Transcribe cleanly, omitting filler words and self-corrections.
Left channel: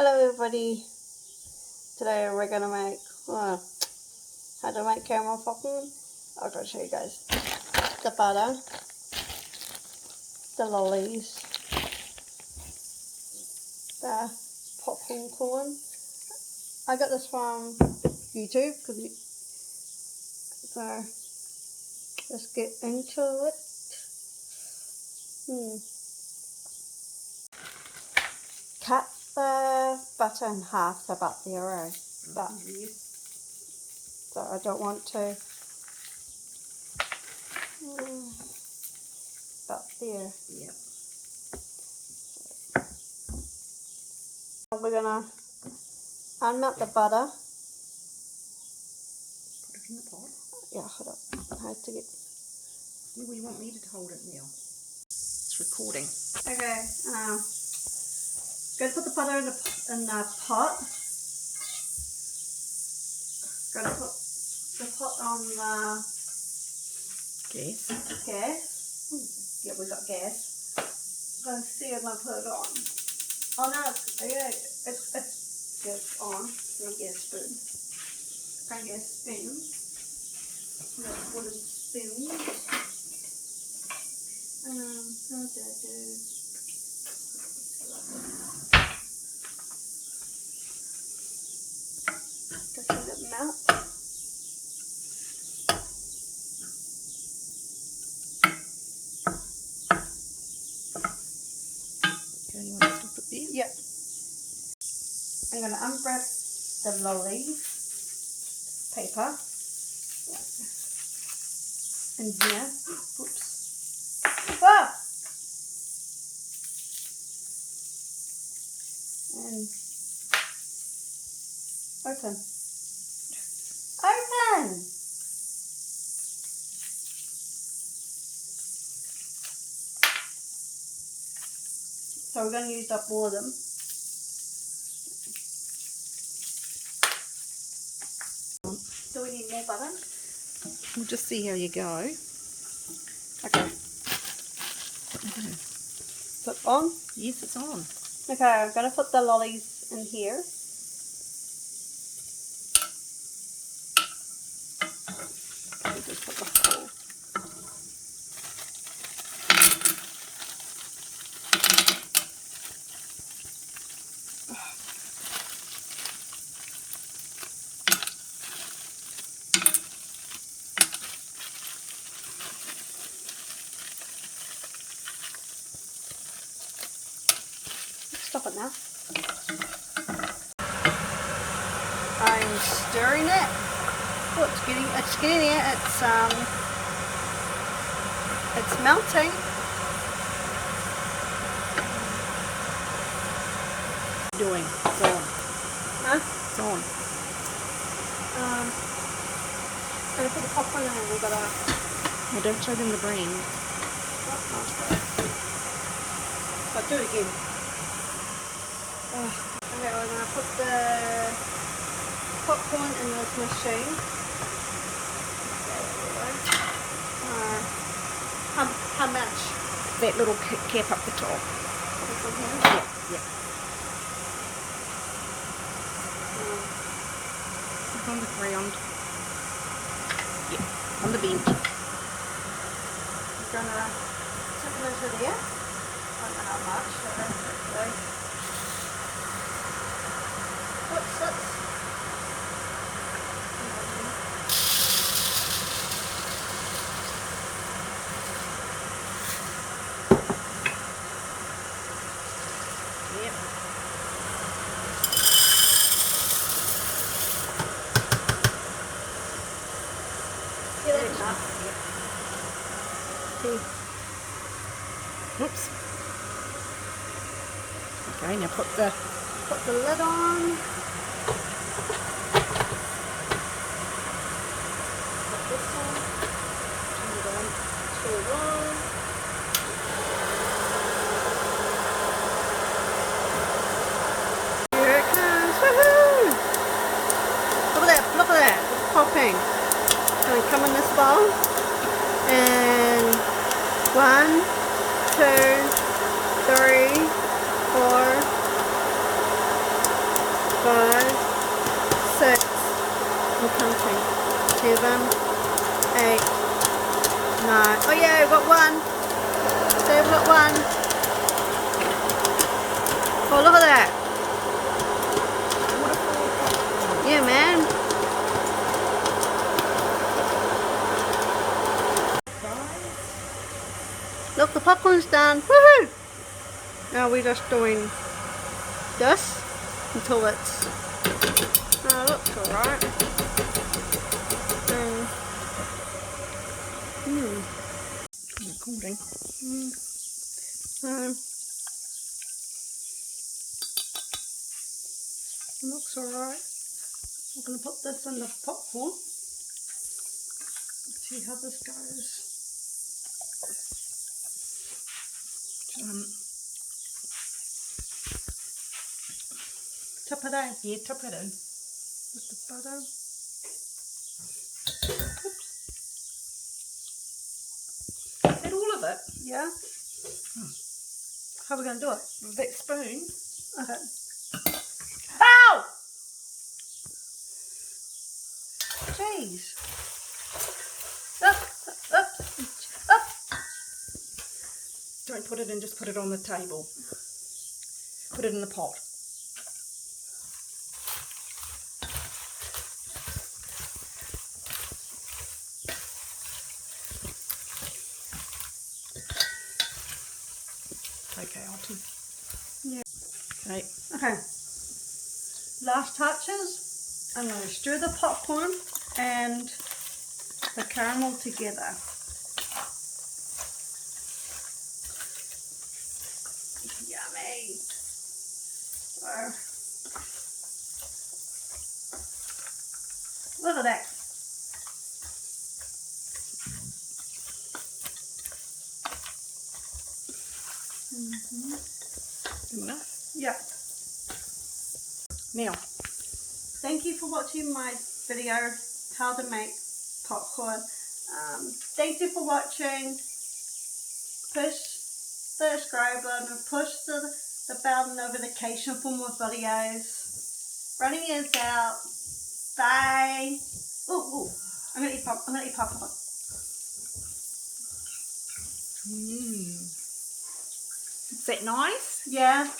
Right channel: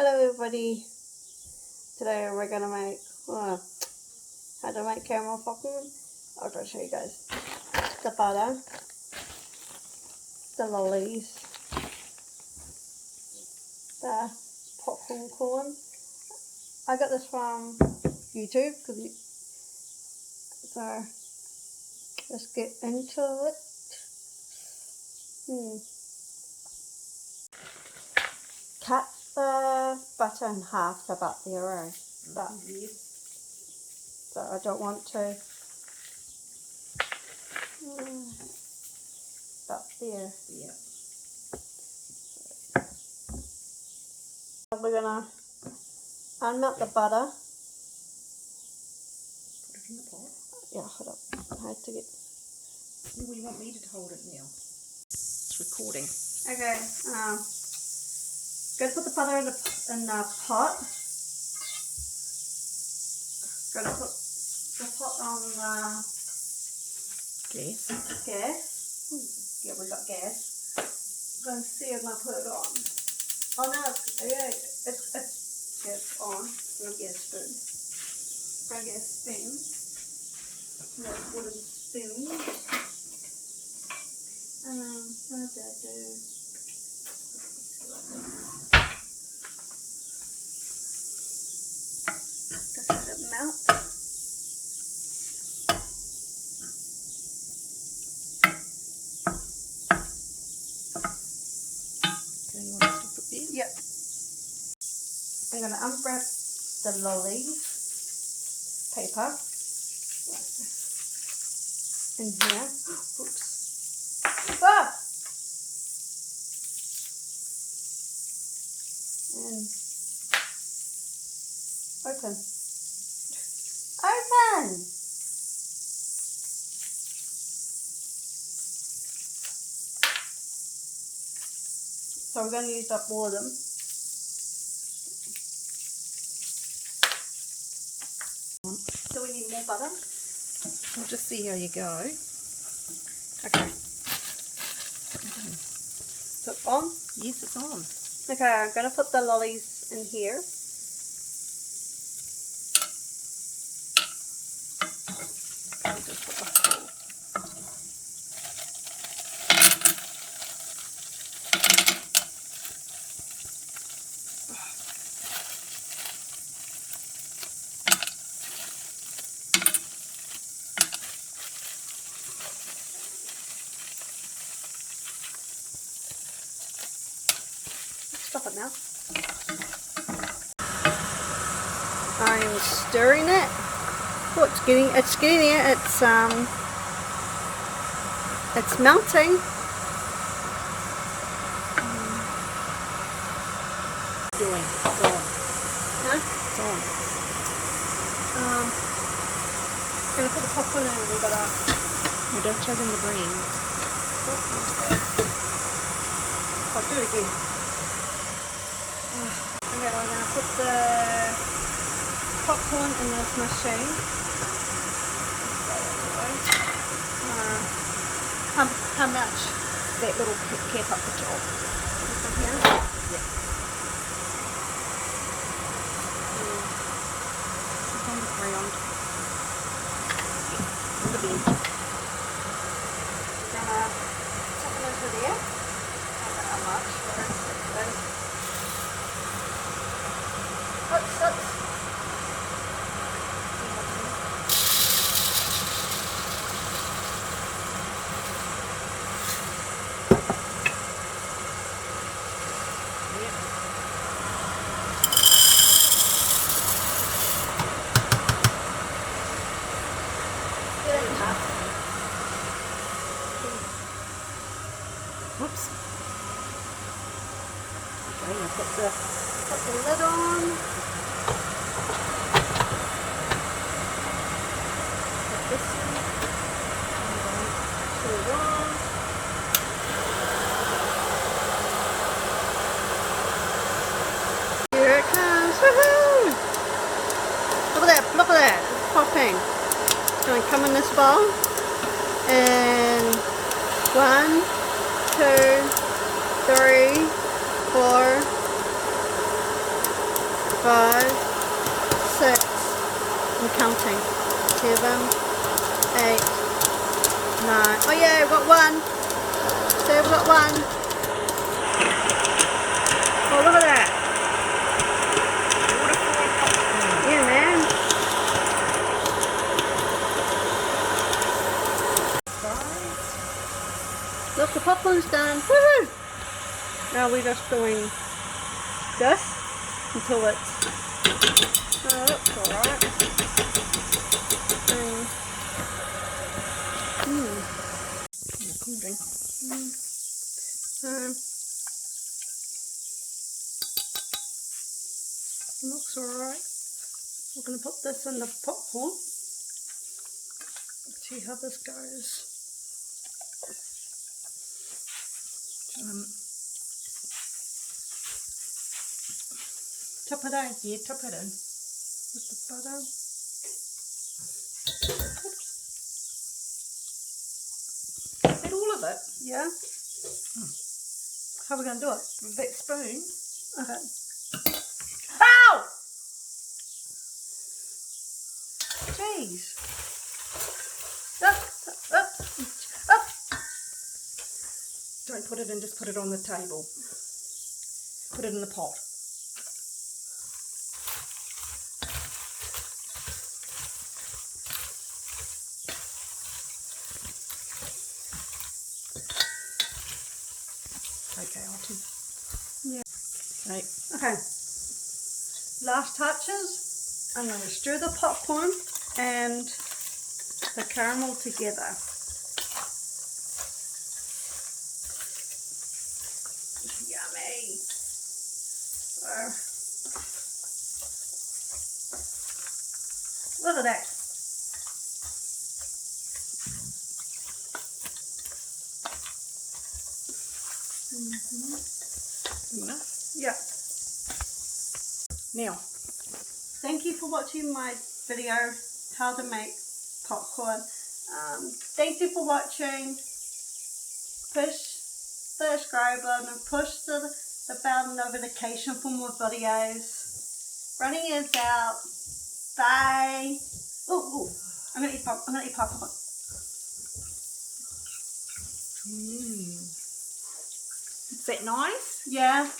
Hello everybody, today we're going to make, how to make caramel popcorn. I'm going to show you guys the butter, the lollies, the popcorn corn. I got this from YouTube, so let's get into it. Cut the butter in half about there, but so I don't want to. About there. Yeah. We're gonna unmelt the butter. Put it in the pot. Yeah, hold up. I have to get. Well, you want me to hold it now? It's recording. Okay. Gonna put the butter in the pot. Gonna put the pot on Gas. gas. Yeah, we got gas. I'm gonna see if I put it on. Oh no, it's on. I'm gonna get a spoon. I'm gonna get a spoon. That's wooden spoon. What did I do? Just let it melt. Okay, you want to stop it there? Yep. I'm going to unwrap the lolly paper in here. Oops. Ah! And open. Open! So we're going to use up all of them. Do we need more butter? We'll just see how you go. Okay. Put on? Yes, it's on. Okay, I'm going to put the lollies in here. Just put the whole. Stop it now. I'm stirring it. Oh, it's getting there. It's melting. Doing. It's on. Huh? It's on. I'm gonna put the popcorn in and we gotta. Well, don't show them the brand. I'll do it again. Okay, we're gonna put the popcorn in this machine. How much? That little cap up the top. From here? Yeah. It's on the ground. Yeah. On the beam. We're gonna tip it into there. I don't know how much. Oops. Yep. Get it enough. Oops. Okay, now put Put the lid on. Put this one. And go to the wall. Here it comes. Woohoo! Look at that. It's popping. It's going to come in this bowl. And 1, 2, 3, 4, 5, 6, I'm counting. 7, 8, 9. Oh yeah, we've got 1. So we've got 1. Oh, look at that. Yeah, man. Look, the popcorn's done. Woohoo! Now we're just doing this until it's. Oh, looks alright. Recording. Looks alright. I'm going to put this in the popcorn. Let's see how this goes. Tip it in. Yeah, tip it in. With the butter. Is that all of it? Yeah. How are we going to do it? With that spoon? Okay. Ow! Jeez. Up, up, up. Don't put it in, just put it on the table. Put it in the pot. Okay, Alton. Yeah. Okay. Okay. Last touches. I'm going to stir the popcorn and the caramel together. Yummy. So, look at that. Enough. Yeah. Now, Thank you for watching my video, how to make popcorn. Thank you for watching. Push the subscribe button and push the bell notification for more videos. Running is out. Bye. Ooh, I'm gonna eat popcorn. is that nice? Yeah.